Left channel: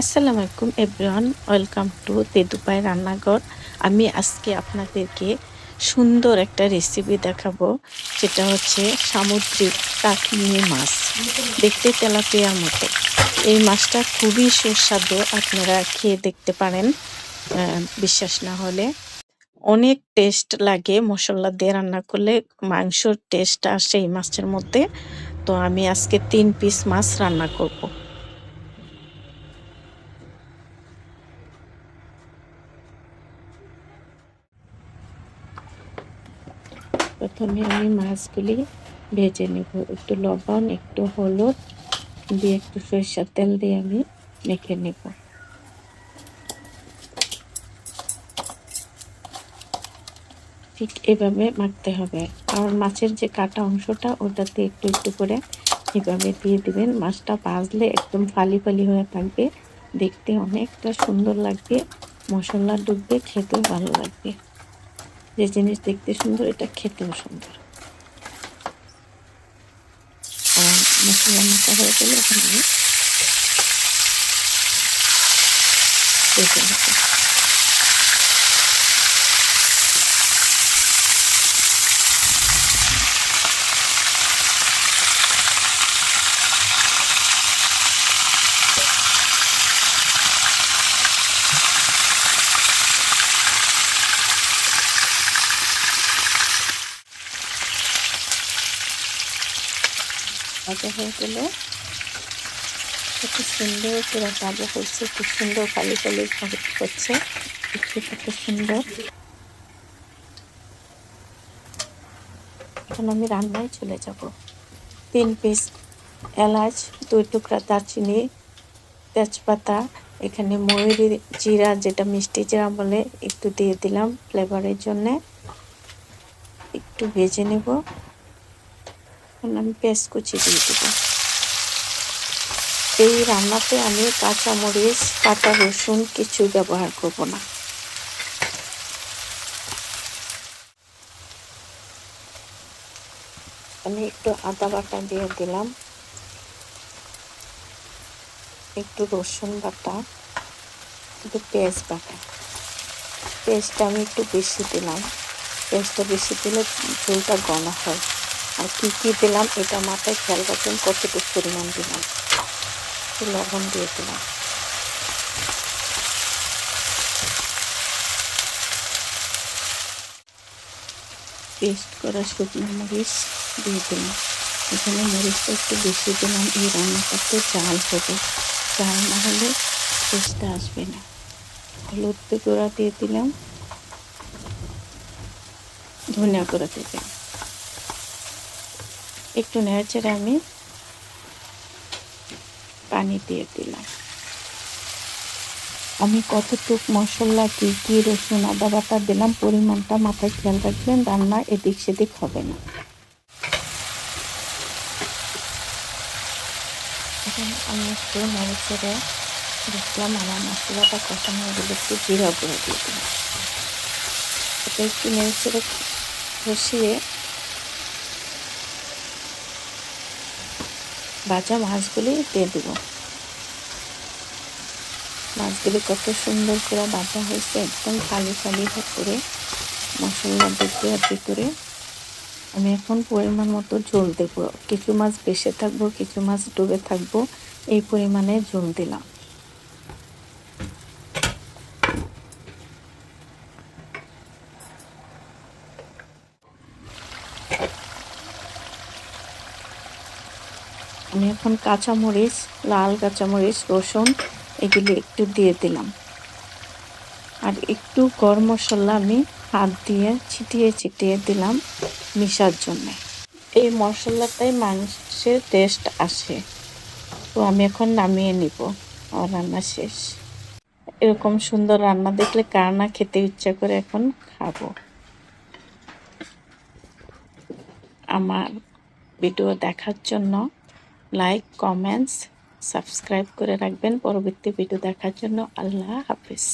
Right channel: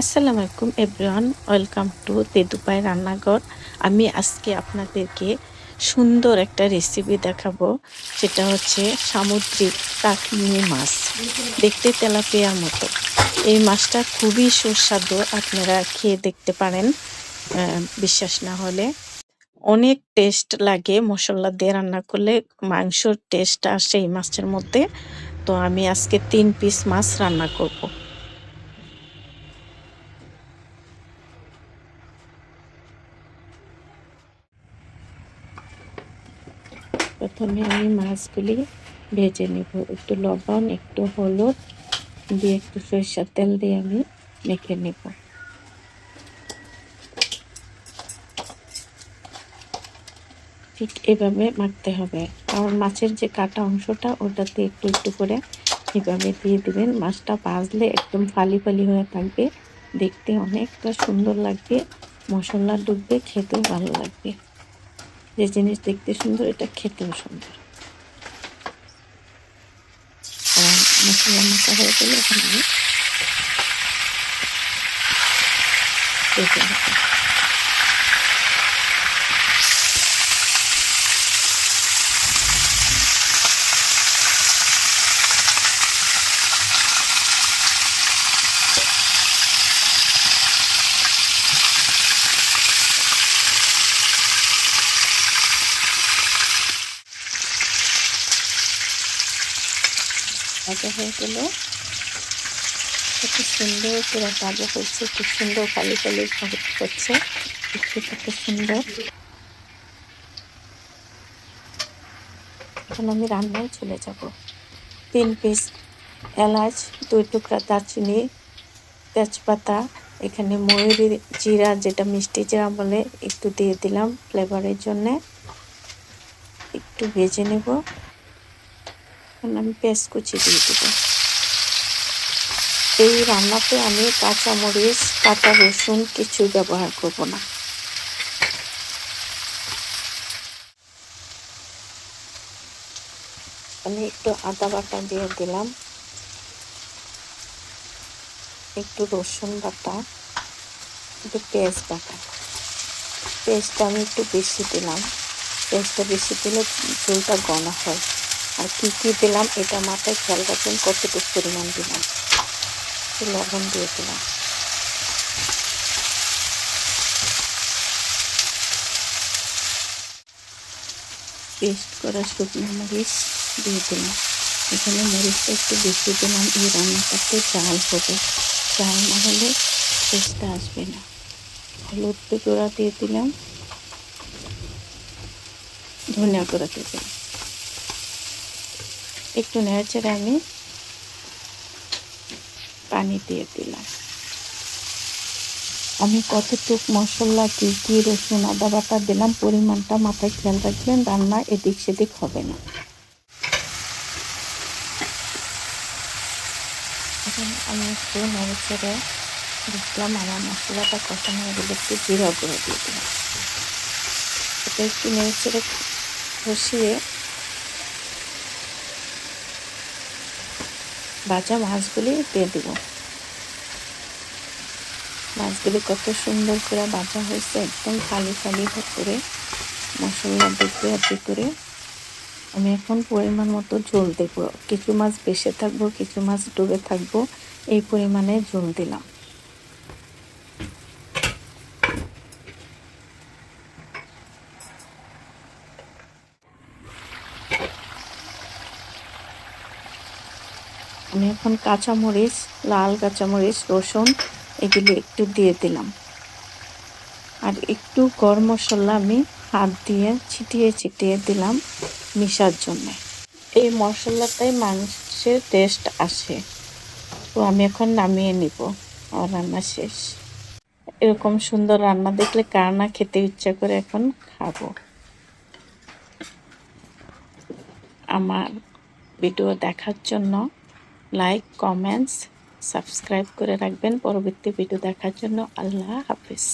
আসসালামু আলাইকুম everyone, welcome to তেদুপাই রান্নাঘর। আমি আজকে আপনাদেরকে সুন্দর একটা রেসিপি দেখাবো, যেটা হচ্ছে সামুদ্রিক টাকি মাছ। দেখতে তেলাপিয়ার মতো। এই মাছটা খুবই সুস্বাদু, আপনারা খেয়ে দেখতে পারেন বিশ্বাস না হলে। অনেক টেস্ট লাগে মশলা দিয়ে রান্না করলে, মাংসর টেস্ট আসে এই মাছের মধ্যে। তো আমি আজকে 3 পিস মাছ রান্না করব। প্রথমে আমি মাছগুলি ভেজে নেব। একটু লবণ, একটু হলুদ দিয়ে, একটু সরিষার তেল দিয়ে আমি মেখে নেব। ঠিক এভাবে মাখতে হবে, কারণ মাছের যে কাটা অংশটা ওটাতে একটু একটু করে এভাবে দিয়ে দিবেন। মাছটা ভাজলে একদম ফালি ফালি হয়ে থাকবে, দেখতে অনেকটা সুন্দর লাগবে, মশলা ডুববে, খেতেও ভালো লাগবে। যে জিনিস দেখতে সুন্দর, এটা খেতেও সুন্দর। আর মশলা মাখা হয়ে গেলে এখন আমি ভেজে নেব। ভাজা হয়ে গেল, কত সুন্দর করে ভাজা হচ্ছে, খুব সুন্দর ফালি ফালি হচ্ছে, দেখতে কত সুন্দর। এখন আমি রান্নায় চলে যাব। 3 পিস এলাচ, 2 টুকরা দারচিনি, তেজপাতা, এখানে ময়ূরী জিরা, যেটা মিষ্টি জিরা বলে, একটু দিয়ে দিলাম ফ্লেভারের জন্য। একটু ভেজে নেব। এখন আমি পেঁয়াজ কুচি দিয়ে দেবো। এই রান্নাতে আমি কাঁচামরিচ, কাঁচা রসুন কিছু ব্যবহার করব না। আমি একটু আদা বাটা দিয়ে দিলাম, একটু রসুন বাটা, একটু পেঁয়াজ বাটা। পেঁয়াজটা আমি একটু বেশি দিলাম, পেঁয়াজটা বেশি দিলে ঝোলটা ঘন হয়। আর কি কি দিলাম এটা মাথায় খেয়াল রাখবেন, কতটুকু পরিমাণ দিলাম। একটু লবণ দিয়ে দিলাম, পেস্ট করা শুকনো মরিচ দিয়ে দিলাম। এখানে মরিচটা একটু বেশি দিলাম, এই রান্নাটাতে ঝাল হবে, ঝাল না হলে টেস্টটা আসবে না। হলুদ গুঁড়া দিয়ে দিলাম, ধনিয়া গুঁড়া দিয়ে দিলাম। একটু নেড়েচেড়ে আমি পানি দিয়ে দিলাম। আমি কতটুক মশলা, কি কি রসুন আদা বাটা দিলাম, পরিমাণটা মাথায় খেয়াল রাখবেন, রান্না এদিক সেদিক হবে না। এখন আমি একটু নেড়েচেড়ে দেখলাম আমার মশলাটা কষানো হয়ে গেলে, একটু জিরা গুঁড়ো দিয়ে দিলাম। এটা একটু নেড়েচেড়ে কষিয়ে ভাজা মাছগুলি দিয়ে দিব। মাছগুলি কত সুন্দর করে ভাজা হয়েছে, একদম ফালি ফালি করে মশলা ডুববে আর করে। আমি এখন পরিমাণ মতো ঝোল দেব। কিছু মাছ বেশি থাকবো, কিছু মাছ ডুবে থাকবো, এই পরিমাণে ঝোল দিলাম। আমি এখন কাঁচামরিচ, লাল কাঁচামরিচ, রসুন এগুলি একটু দিয়ে দিলাম। আর একটু গরম মশলা আমি হাত দিয়ে ছিটিয়ে ছিটিয়ে দিলাম মিশার জন্য। এই মশলাটাই মাংসের টেস্ট আসে। তো আমি এখন নামিয়ে নিব, আমার রান্না শেষ। এরকম সুন্দর রান্না দেখলে কার না খেতে ইচ্ছা করে, এখন খাবো। আমার ভিডিও দেখার জন্য লাইক, কমেন্টস, সাবস্ক্রাইব করে রাখবেন। পরবর্তী ভিডিও দেখার জন্য আল্লাহ হাফেজ।